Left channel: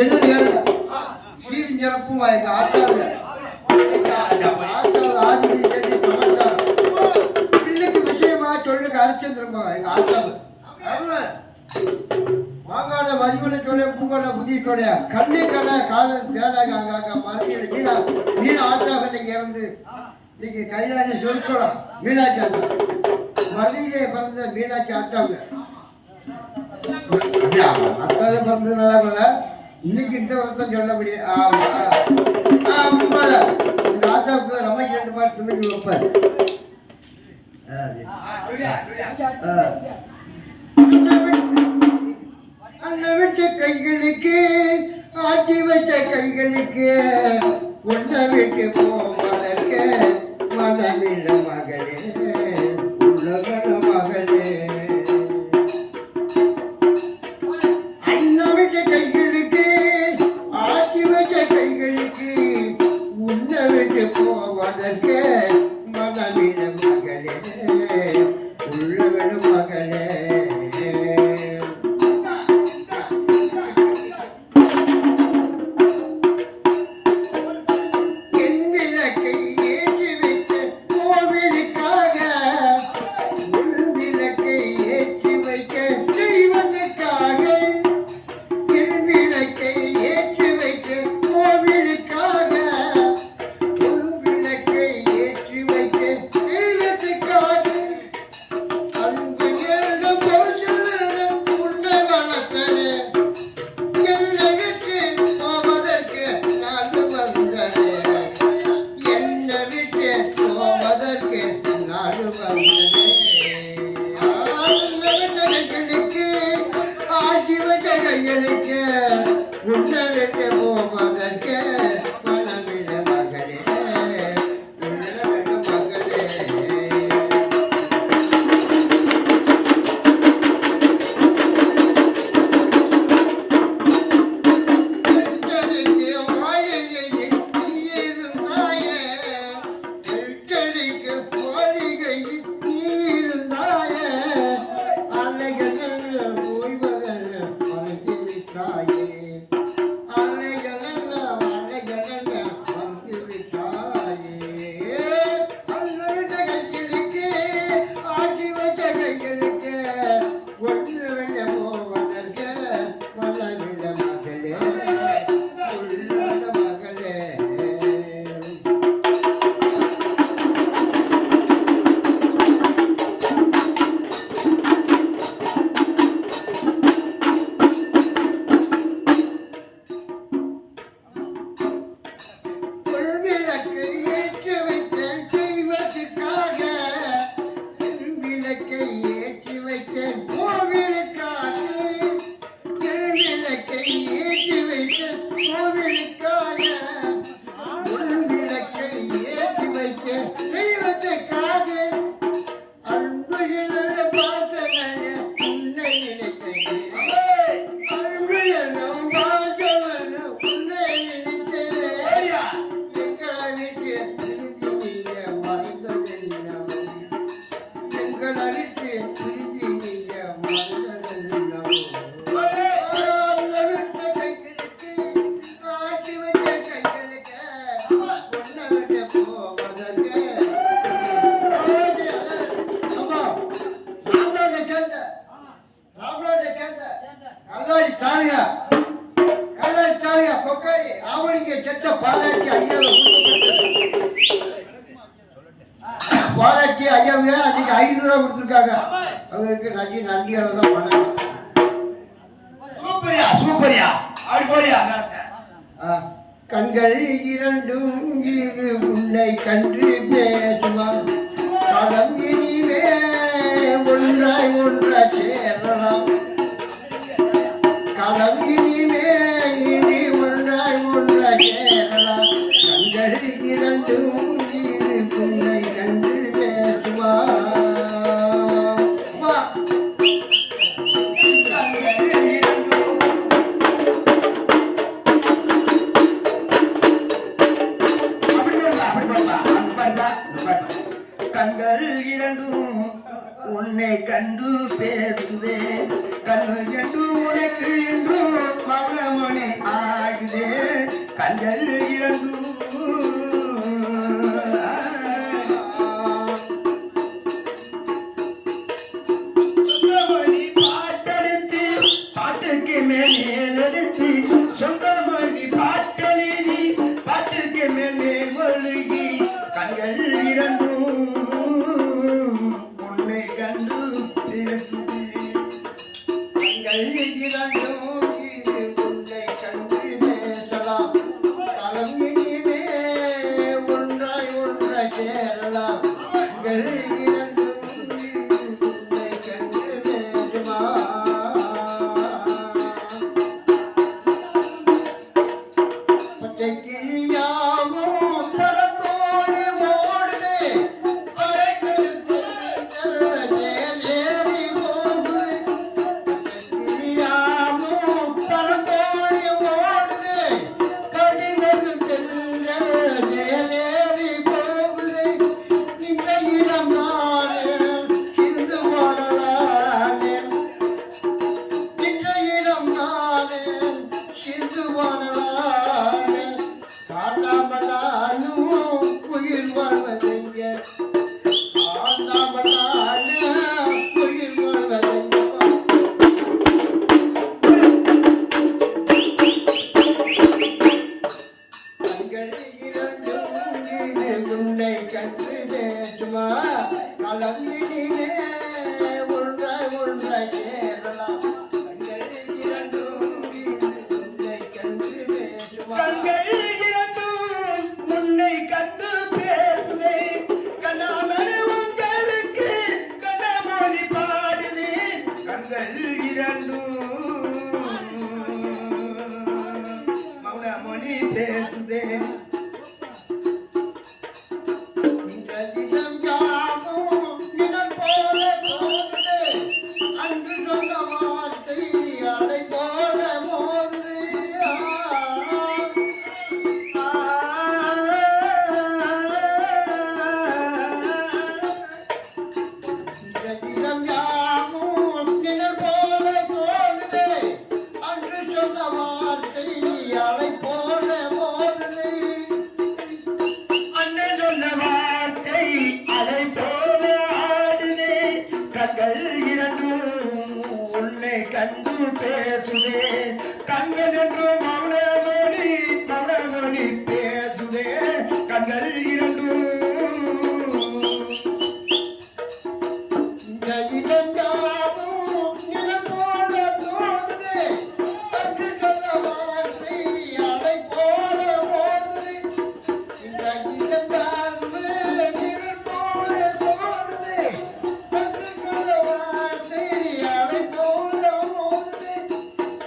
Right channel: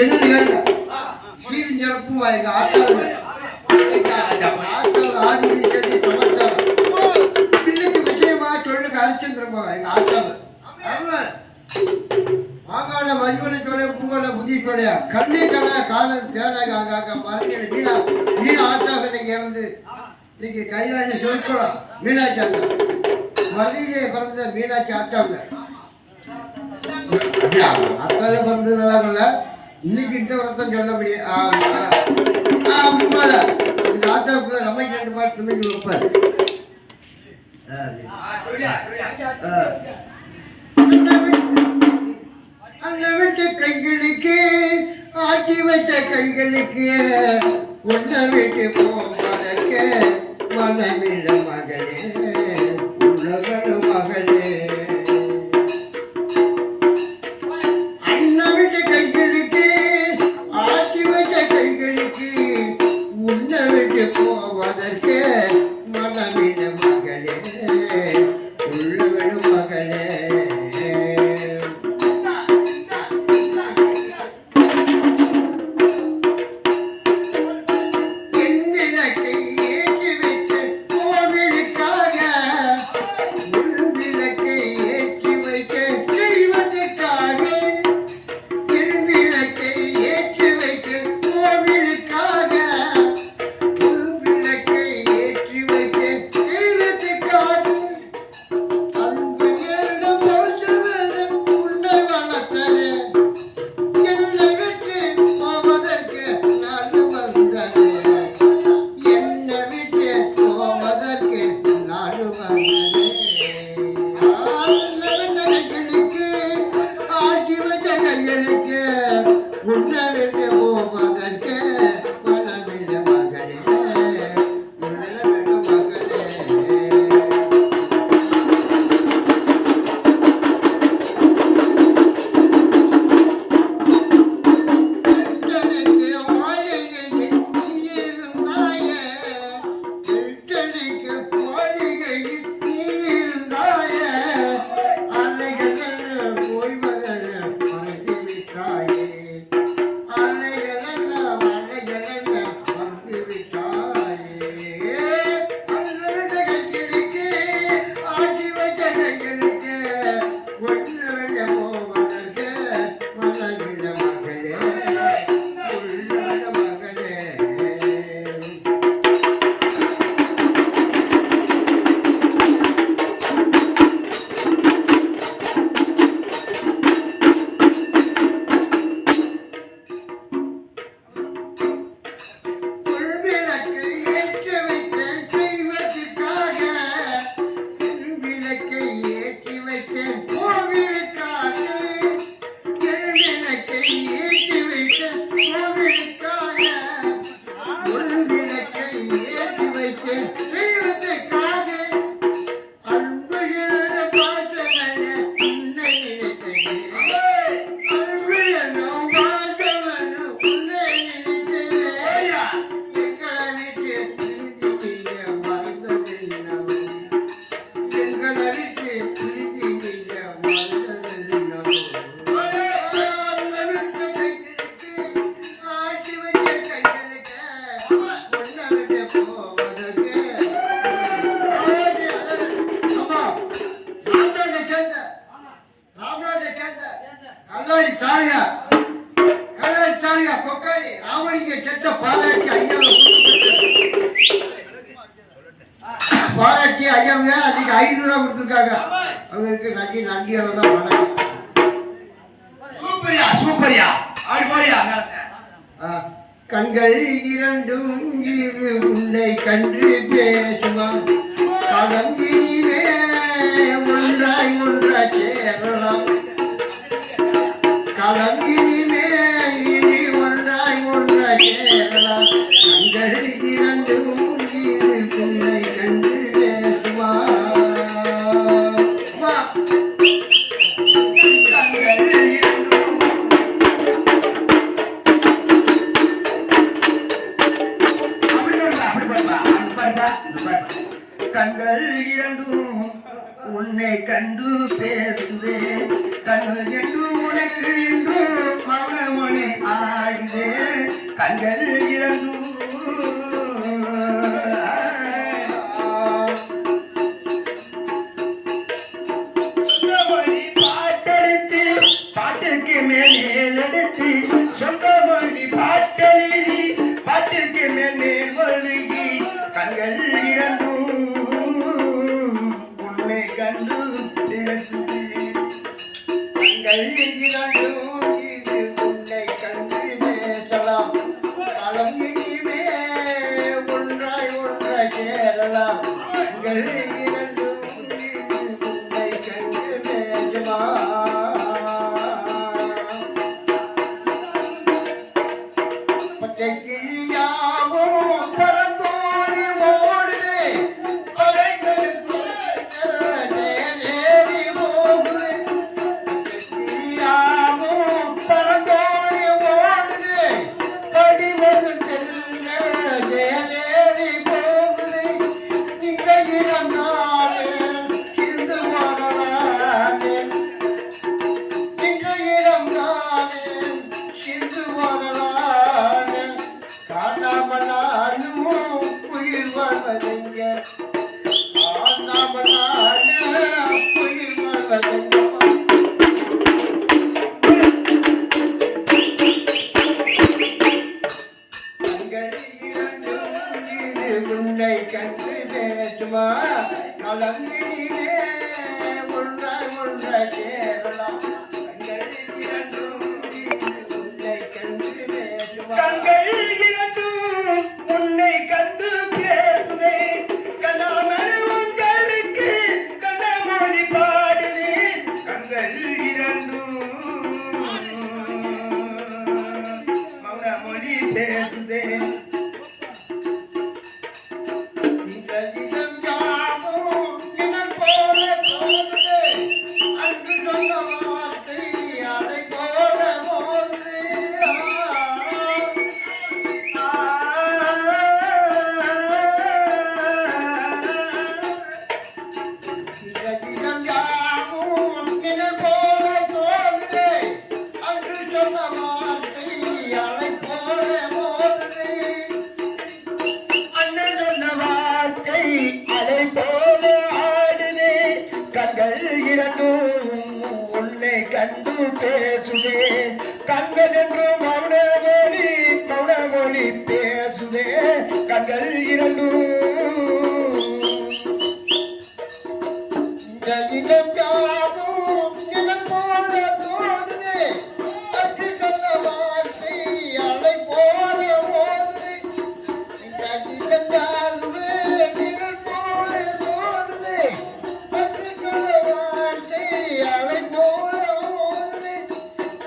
என்ன சிறப்பும் ஆத்தாது பிள்ளைக்கு விஷயமா சொல்லுங்க ஹரிச்சந்திரமா ஆத்தாது மாகாண மதிவனை சொல்ல பூங்கோட புதி சொல்ல கண்ணை கடை காலம் தேடாக அங்காக மறுபடியும் வீணா வீணா ஆத்தாக இறந்து இன்னைக்கு கையாளி சொல்லிக்கணும் மீனாட்சி அண்ணா மதுரையிலே பிறந்த மீனாட்சி ஆத்தாங்க அத்தால பிறந்ததுனால இன்னைக்கு இந்த வருஷம் சொல்ல முடியும் ஆத்தாவுக்கு ரமைக்கு 2 மாதம் பிள்ளைக்கு வைப்பார் கைகளுக்கு ஆட்டி வச்ச கைகளுக்கு உன்னை விட்டு போவதற்கு மனமில்ல மகளே உலக மகளே அண்ணா விட்ட கைகளுக்கு ஆட்டி வச்ச கைகளுக்கு உன்னை விட்டு போவதற்கு மனமில்ல மகளே உலக மகளே பாராட்டி ஐயாவுங்க அதுக்கு 500 ரூபா கொடுத்துருக்காங்க. அவங்களுக்கு நன்றி நன்றி தான். சூப்பரியா சூப்பரியா ஆடிப்பாரியா. கண்கள் இரண்டும் இது உன்னை கண்டு பேசுவான் கடம்பிலே ஒன்றாய் ஒன்றாய் சேரலாம் கடம்பிலே இனி ஒன்றாய் ஒன்றாய் சேரலாம் கண்கள் இரண்டும் இது உன்னை கண்டு பேசுவான். கண்கள் இரண்டும் உன்னை கண்டு பேசுவே கண்கள் என்று உனக்கு மகனே கண்கள் இரண்டும் பாட்டுக்கு மேலெடுத்து சொந்த மொழி பாட்டெழுதி பாட்டுக்கு மேலே ஒழுகி கண்கள் இரண்டும் உன்னை கண்டு பேசுது கண்கள் இரண்டும் இது உன்னை கண்டு பேசலாம் கலங்கினே ஒன்றாய் ஒன்றாய் சேரலாம் கண்கள் இரண்டும் இது உன்னை கண்டு பேசலாம் கிளியாவோ பரந்தோடி ஓடுதே படைகளுக்கு நேரேறி போகுது கிளியாவோ பரந்தோடி ஓடுதே படிகளுக்கு நேரேறி போகுது இந்த இடம் நாடு இந்து வரலாறு இந்த இடம் நாடு இந்து வரலாறு காணாமலானும் உயிர் வாழ்வதைங்க காணாமலான உயிர் வாழ்வதைங்க கண்கள் இரண்டும் இது உன்னை கண்டு பேசுமா கலங்கினே ஒன்றாய் ஒன்றாய் சேரலாம் கண்கள் இரண்டும் இது உன்னை கண்டு பேசுமா கண்கள் உன்னை கண்டு பேசுவே கண்ணாமணி உங்களுக்கு கண்ணாமணி பாடுவே கண்கள் இரண்டும் மௌனமொழி பேசுதே இந்த தினம் யாவும் தினம் போல போகுதே அன்று சொன்ன வார்த்தை அதை போல போகுது தினம் யாவும் தினம் போல போகுதே அன்று சொன்ன வார்த்தை அதை போல போகுது அண்ணன் சொன்ன வார்த்தை அதை போல ஆடுதே கண்கள் இரண்டும் உன்னை கண்டு பேசுதே கண்கள் என்றும் மௌனமொழி பேசுதே கண்கள் இரண்டும் இடம் யாவும் இடம் போல போகுதே அன்று சொன்ன வார்த்தை அதை போல போகுது இந்த இடம் யாவும் நிழல் போல போகுதே அன்று சொன்ன வார்த்தை அதை போல போகுது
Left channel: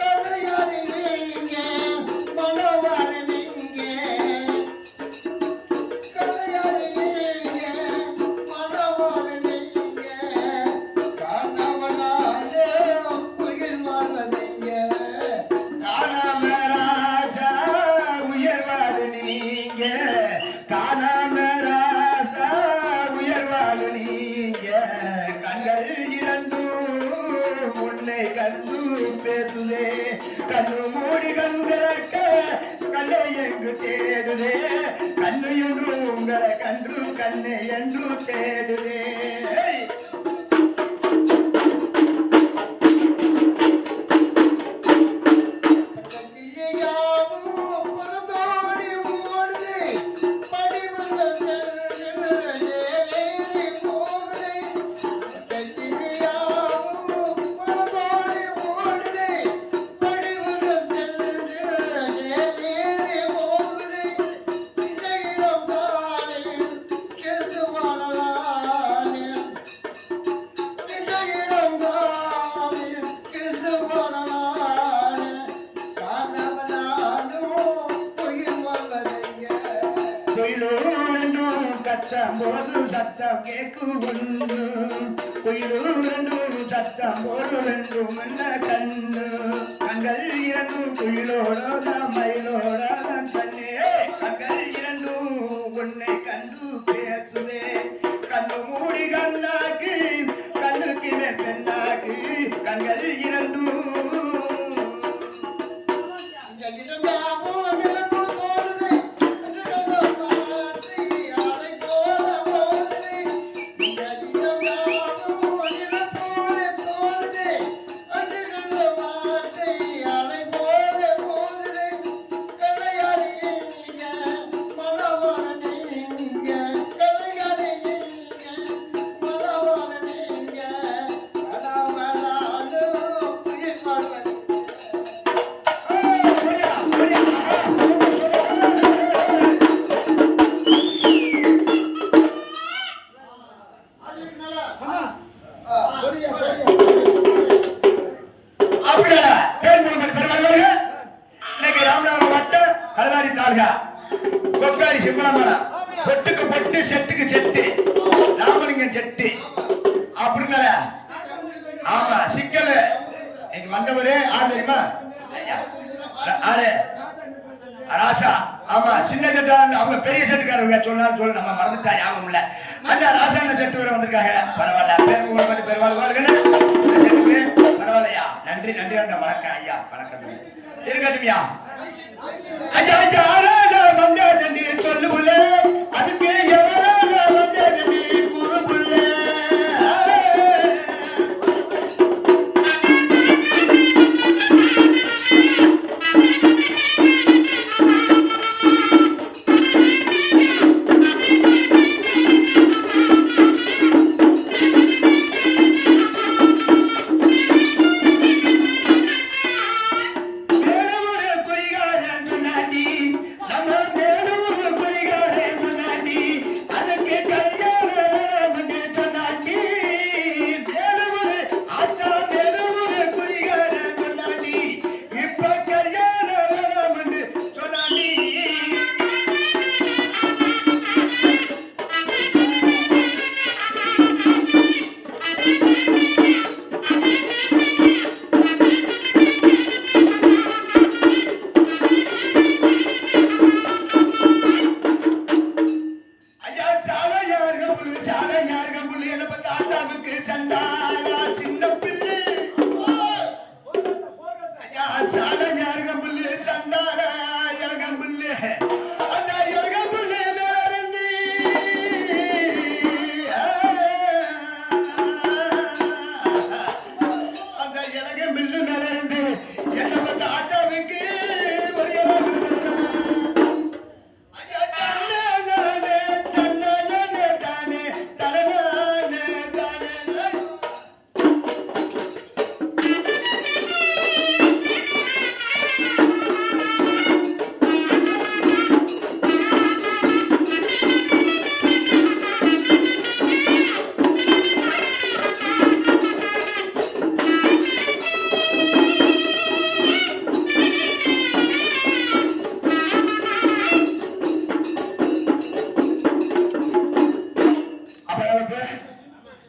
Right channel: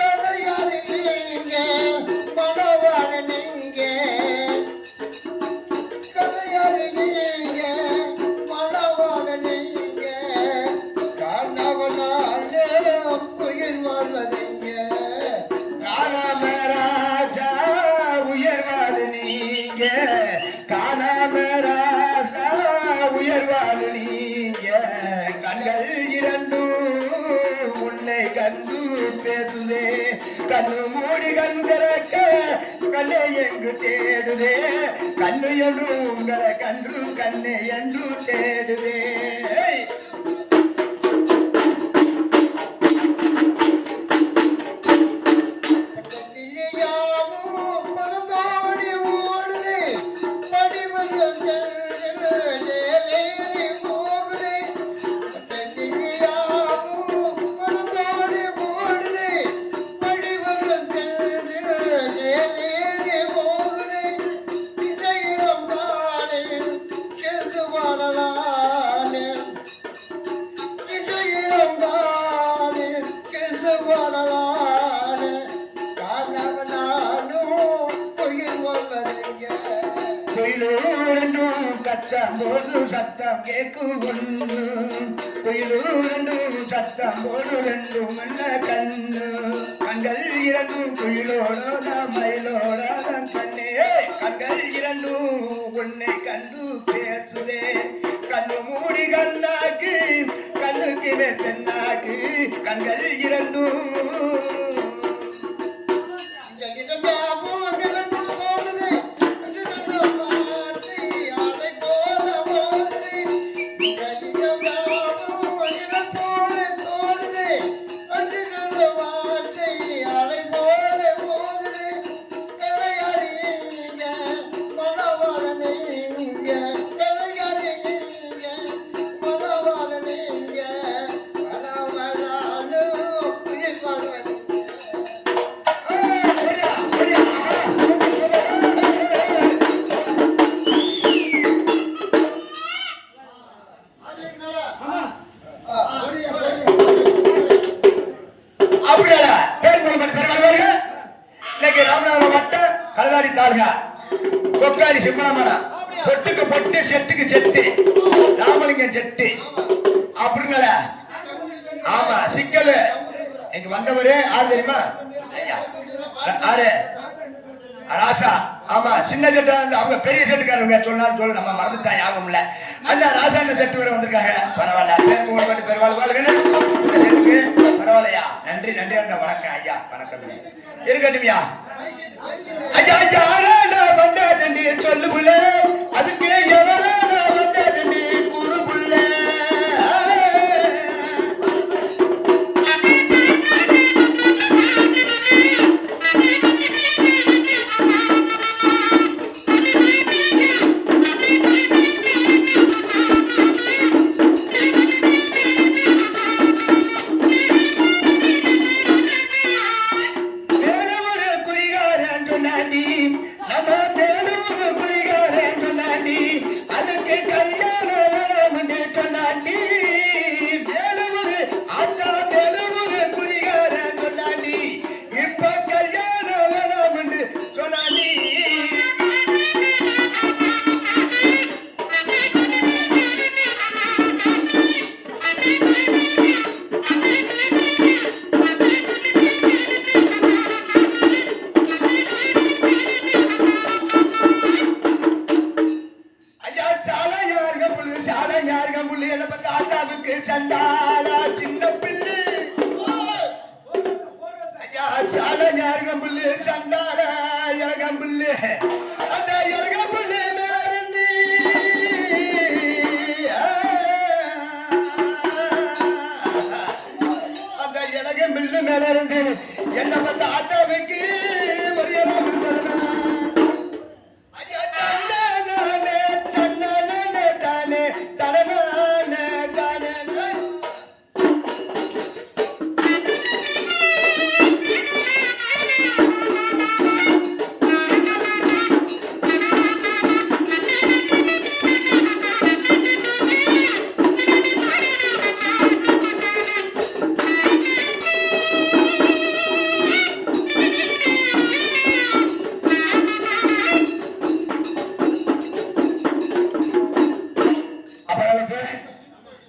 கதையாறு நீங்க மனவாறு நீங்க கதையாறு நீங்க மனவாறு நீங்க காணவனாலே உயிர் வாழ்வதீங்க காணாமராஜா உயர் வாழ நீங்க காணாமராஜா உயர் வாழ நீங்க கண்கள் இரண்டும் உன்னை கண்டு பேசுதே கண்ணு மூடி கண்கிறக்க கண்ணை எங்கு தேடுதே கண்ணு என்று உங்களை கன்று கண்ணை என்று தேடுதே கிளியாவும் பரந்தோடி ஓடுதே படிவங்கள் நேரேறி போகுதே கிளியாவும் பரந்தோடி ஓடுதே படிவங்கள் நேரேறி போகுதே இடையிடம் நானே கெந்து வாழலானே இடையிடம் நானே கெந்து வாழலானே காணவனாலும் உயிர் வாழ்வதைங்க கோயிலூரென்றும் கத்தம் போது சத்தம் கேட்கும் கோயிலூரென்றும் சத்தம் போது ரெண்டும் என்ன கண்ணு கண்கள் இரண்டும் குயிலோட மயிலோட கண்ணே கண்கள் இரண்டும் உன்னை கண்டு பேசுதே கண்ணு மூடி கண்ணாக்கு கண்ணுக்கு பெண்ணாக்கு கண்கள் இரண்டும் பேர் போய் பெருமாள் இன்னைக்கு ராமநாதபுரம் மாவட்டம் கல்லாடி தாலுகா கொக்காடி சிம்மாமலம் பொட்டுக்கு பொட்டு செட்டுக்கு செட்டு ராமலிங்கம் செட்டு அப்படிங்கள ஆமா சிக்கல் இங்க வந்தவரு ஆள் தெரியுமா ஆளு ராசா ஆமா சின்ன செட்டா அவங்க பெரிய செட்டுக்காரங்க சொன்னாலும் சொல்லு நம்ம மறந்துட்டா ஞாபகம் இல்ல அந்த ராசான செட்டு வரை வந்திருக்காங்க பரவாயில்ல செட்டுக்கு பரவாயில்லையா நன்றி நன்றி அந்த வணக்கம் ஐயா வணக்கம் இருக்கட்டும்யா ஐயா ஐயா வந்தாதண்டி சொல்லுக்குள்ள அதுக்கு எவ்வளவு வந்தாதண்டி கூறுக்குள்ள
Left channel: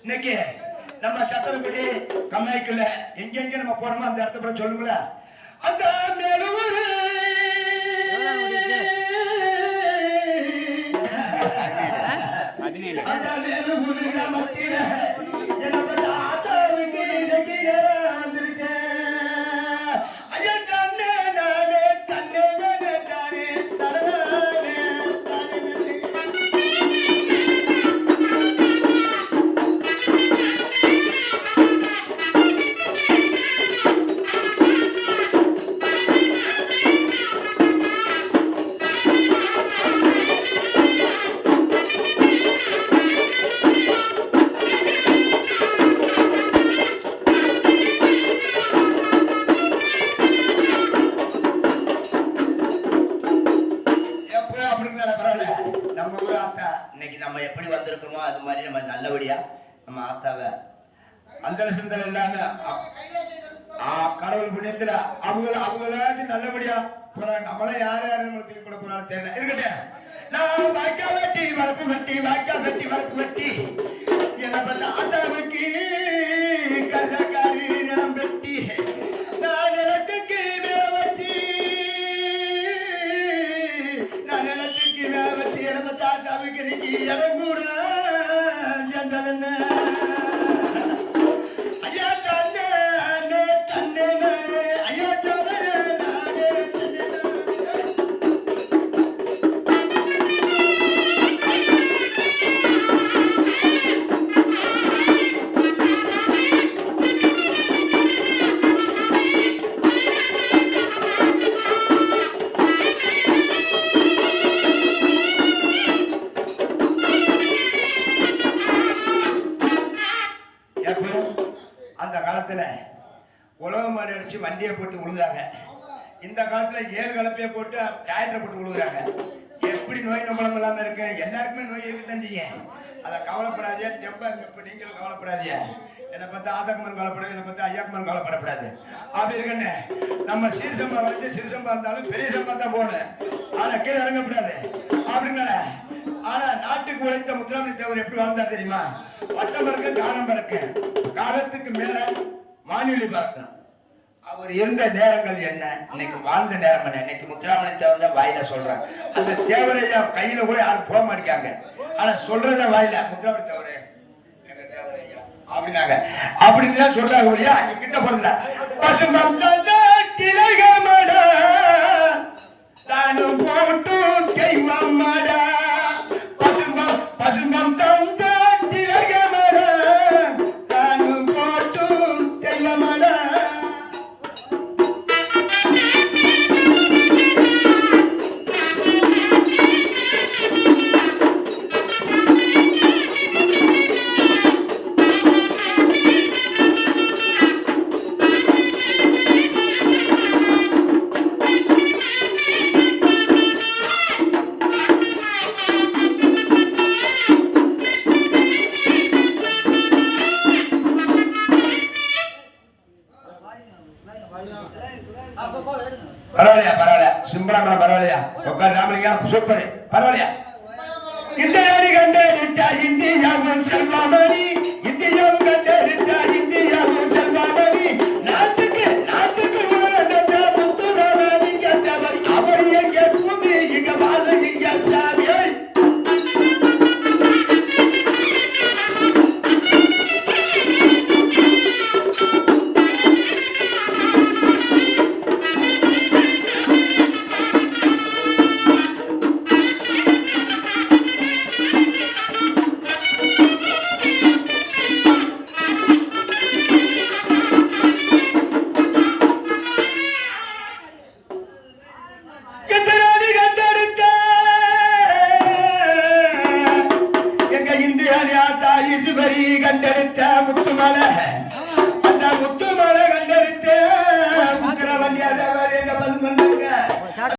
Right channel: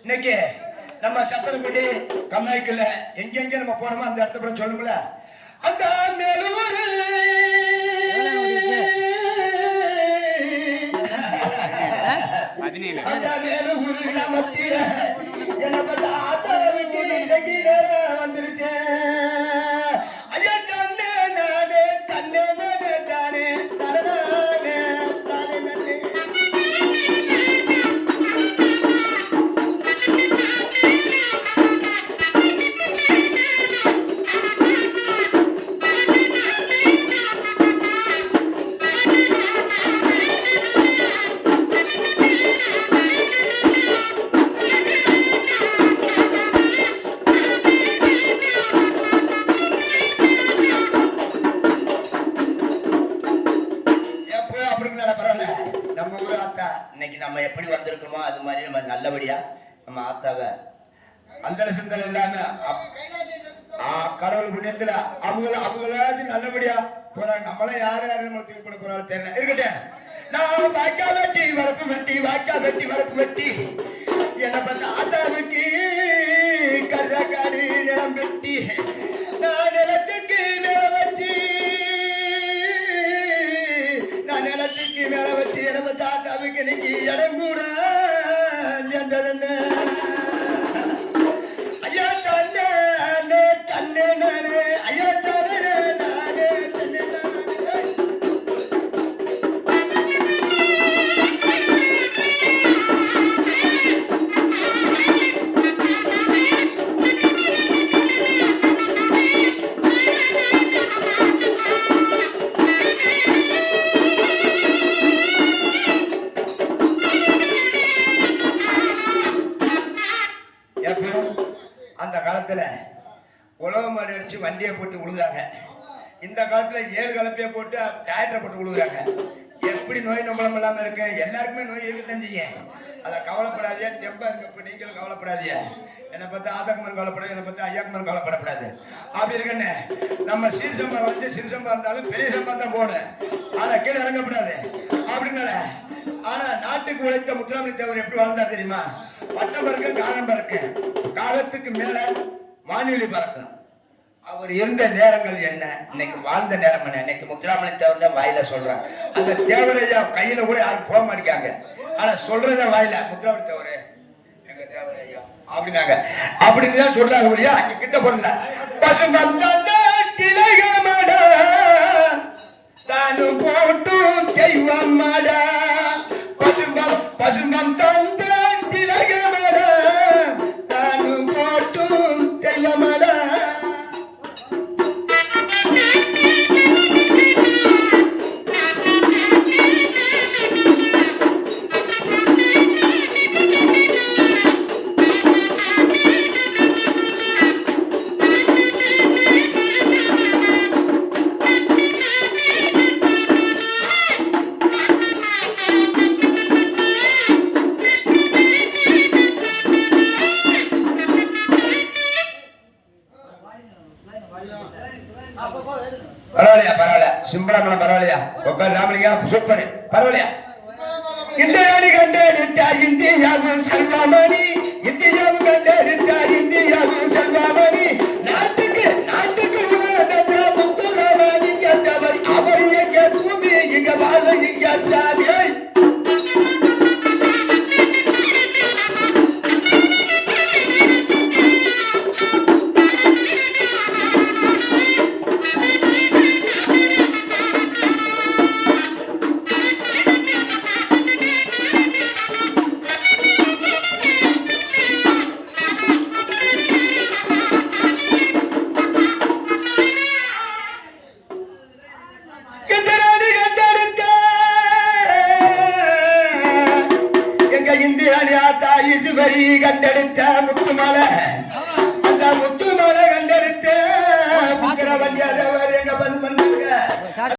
இன்னைக்கு நம்ம சத்திரப்பட்டி கம்மாய்க்குள்ள எங்கெங்க நம்ம போனோமோ அந்த இடத்த கூட சொல்லுங்கள அந்த மேலூரு நம்ம எப்படி வந்திருக்கோமோ அது மாதிரி நம்ம நல்லபடியா நம்ம ஆத்தாவை அந்த சிந்தனை இல்லாம கடவுள் புண்ணியத்துல அவங்க நல்லபடியா போறாங்க. நம்மள யார் யாரும் கூட போறாலும் தெரியல இருக்கட்டும். நான் வாய்க்கா வெட்டி வரப்பு வெட்டி வாய்க்கா வெட்டி வரப்பு வெட்டி எனக்கு ஆத்தாவுக்கு கஜாக்காடு நிலம் வெட்டி நான் நிலத்துக்கு மேல வச்சு நம்ம தாத்தாவுக்கு இன்னைக்கு இடம் கூட ஐயா தன்னே தன்னே நானே ஐயா தன்னே நானே தன்னே அந்த காலத்துல உழவு மாடு அடிச்சு வண்டியை போட்டு உழுதாங்க. இந்த காலத்துல 7 கலப்பையை போட்டு டயரை போட்டு உழுகுறாங்க. எப்படி நோய் நம்மளும் இல்லாம இருக்கு? எல்லாருக்குமே நோய் இருக்குதான் செய்யும். அதை கவலைப்படாதே, தெம்பா இருக்கு. இப்ப நீங்களும் கவலைப்படாதீங்க. என்னை பார்த்தா ஆதாக்குமன் கவலைப்படாது, என்னை பார்த்தா ஐயாக்குமன் கவலைப்படப்படாது. அப்படி இருக்குன்னு நம்ம சீர்சம்பா வந்து சிறுசம்பா இருந்தாலும் பெரிய சம்பா தான் போகணும். ஆனா கீழே இறங்கப்படாது அப்படின்னால. ஆனா நாட்டுக்கு உழைத்த முத்துராமலிங்க தேவர் எப்படி வாழ்ந்தார் தெரியுமா? வட்டம் பறக்க காலம் பறக்க, காலத்துக்கு மேல வானொலி பறக்கும். அவர் இருந்த நேரங்கள் என்ன, இன்னைக்கு வாழ்ந்த நேரம் என்ன? இன்னைக்கு முத்துராமலிங்க தேவர் தான் வாயில சொல்றாங்க. அந்த தேவரையா கையில கூட யாரும் போக மாட்டேங்காங்க. ஆனா சொல்றத வாயில முத்துராமலிங்க தேவரே எங்க தேவரையா அப்படின்னாங்க. அப்படின்னு தான் சொல்றாங்க. இல்லையா? அங்க கிட்ட போறதுல பசுமட தானும் போட்டு தெய்வமட பசுமம் தந்த திலகமட தானும் போட்டு தெய்வமட. பரவாயில்லையா? பரவாயில்ல. சிம்பளம் பரவாயில்லையா? உட்கார் ராமலிங்கா, சூப்பர். பரவாயில்லையா? இந்தியாவை கண்டெடுத்தா இந்தியாவும் செல்வாமணி, இந்தியாவும் கண்டெடுத்தா இந்தியாவும் செல்வாமணி, நாட்டுக்கு முத்துராமலிங்க தேவர் அவர் எங்க பூமி, இங்க வாழ இங்க சாமி. கண்டெடுத்த முத்துமலை